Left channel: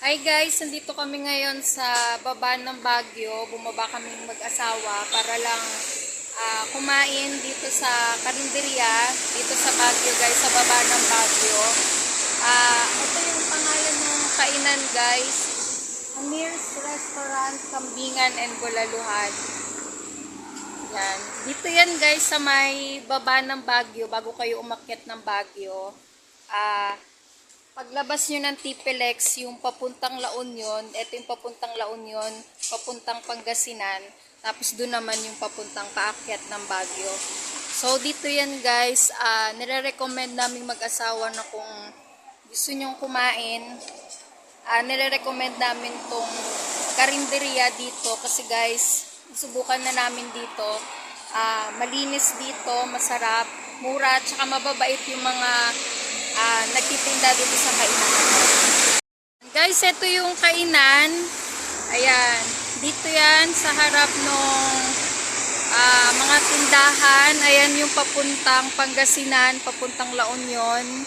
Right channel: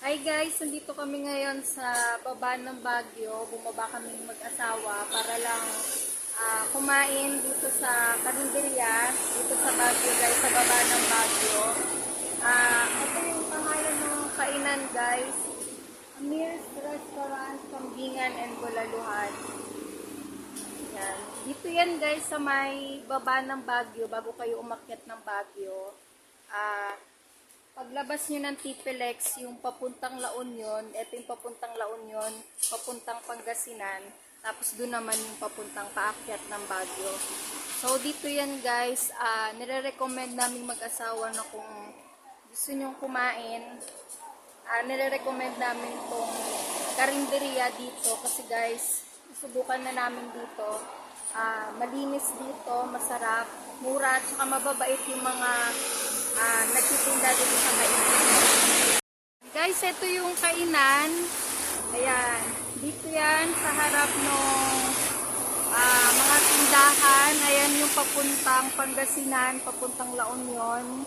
Hi guys, nandito kami ngayon sa baba ng Baguio. Bumaba kaming mag-asawa para lang kumain dito sa karinderya, dito sa Baguio guys, sa baba ng Baguio. Ito yung pangalan ng kainan guys. Amir's Restaurant, Kambingan and Bulaluhan. Yan. Dito yan guys sa may baba ng Baguio, bago kayo umakyat ng Baguio. Paglabas nyo ng TPLEX, yung papuntang La Union, ito yung papuntang La Union, papuntang Pangasinan, tapos doon naman yung papuntang paakyat ng Baguio. So, dito yan guys, nire-recommend naming mag-asawa na kung gusto nyong kumain, nire-recommend namin tong karinderya dito kasi guys, subukan na namin dito. Malinis dito, masarap, mura, at saka mababait yung mga nagtitinda dito sa kainan. Guys, ito yung kainan. Ayan, dito yan sa harap ng mga tindahan. Ayan yung papuntang Pangasinan, papuntang La Union.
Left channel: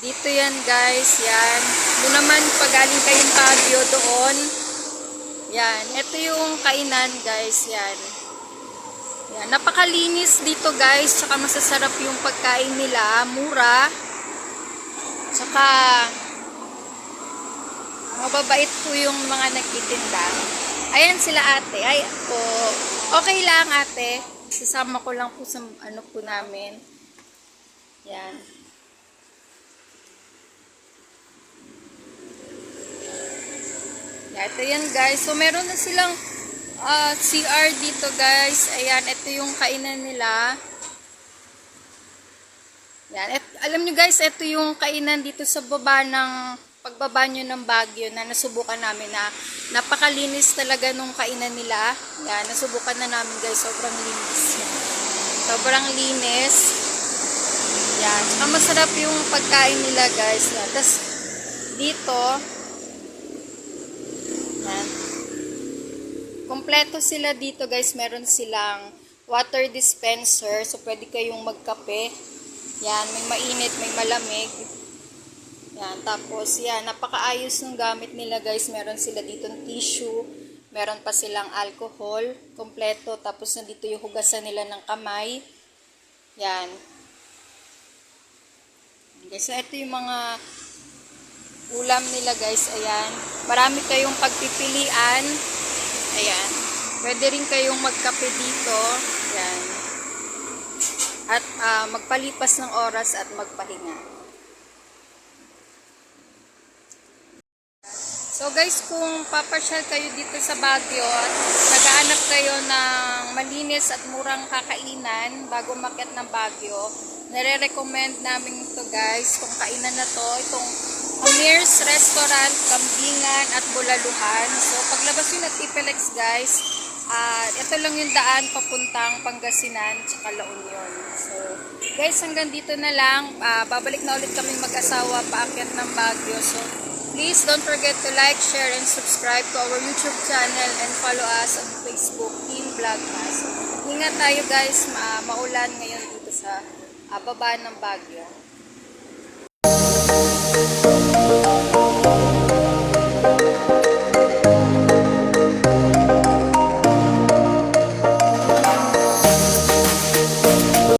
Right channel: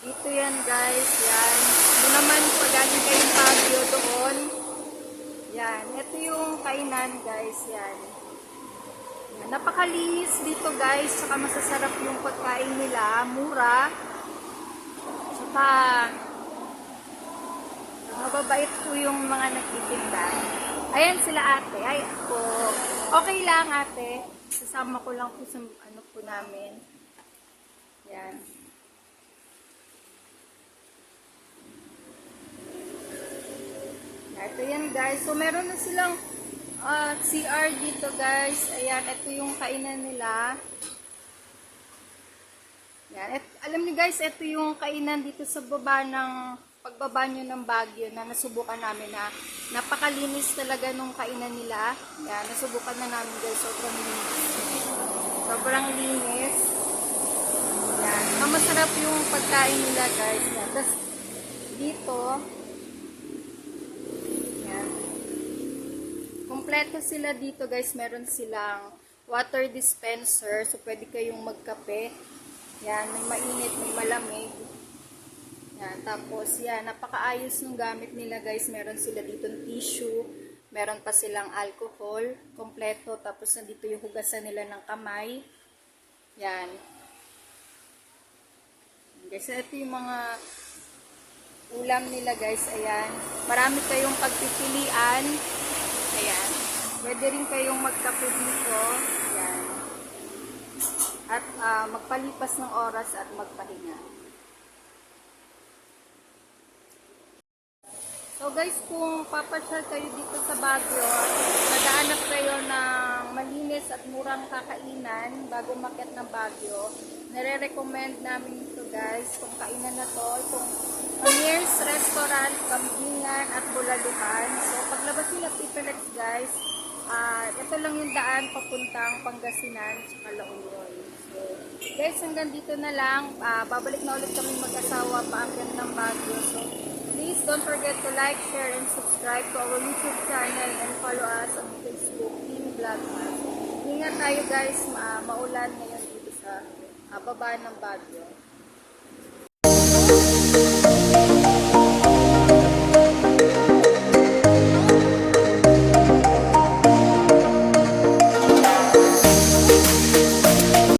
Dito yan guys, yan. Doon naman pagaling kayong Baguio doon. Yan, ito yung kainan guys, yan. Yan, napakalinis dito guys, tsaka masasarap yung pagkain nila, mura. Tsaka mababait po yung mga nagtitinda. Ayan sila ate. Ay po. Okay lang ate. Sasama ko lang po sa ano po namin. Yan. Ito yan guys. So meron na silang CR dito guys. Ayan. Ito yung kainan nila. Yan. Alam nyo guys, ito yung kainan dito sa baba ng pagbaba nyo ng Baguio na nasubukan namin na napakalinis talaga nung kainan nila. Yan, nasubukan na namin guys, sobrang linis. Sobrang linis. Yan, saka masarap yung pagkain nila guys. Yan. Tapos dito, yan. Kompleto sila dito guys, meron silang water dispenser, so pwede kayong magkape. Yan, may mainit, may malamig. Yan, tapos yan, napakaayos ng gamit nila guys. Meron sila dito ng tissue, meron pa silang alcohol, kompleto. Tapos nandito yung hugasan nila ng kamay. Yan. Guys, so ito yung mga ulam nila guys. Ayan, marami kayong pagpipilian. Ayan, pwede rin kayong magkape dito. Yan. At magpalipas ng oras at magpahinga. So guys, kung papasyal kayo dito sa Baguio at naghahanap kayo ng malinis at murang kakainan bago umakyat ng Baguio, nire-recommend namin ito guys, itong kainan na to, itong Amir's Restaurant, Kambingan at Bulaluhan. So paglabas nyo ng TPLEX guys, ito lang yung daan papuntang Pangasinan tsaka La Union. So guys, hanggang dito na lang. Babalik na ulit kaming mag-asawa paakyat ng Baguio. So please don't forget to like, share, and subscribe to our YouTube channel and follow us on Facebook, Team Vlogmas. Ingat tayo guys, maulan ngayon dito sa baba ng Baguio.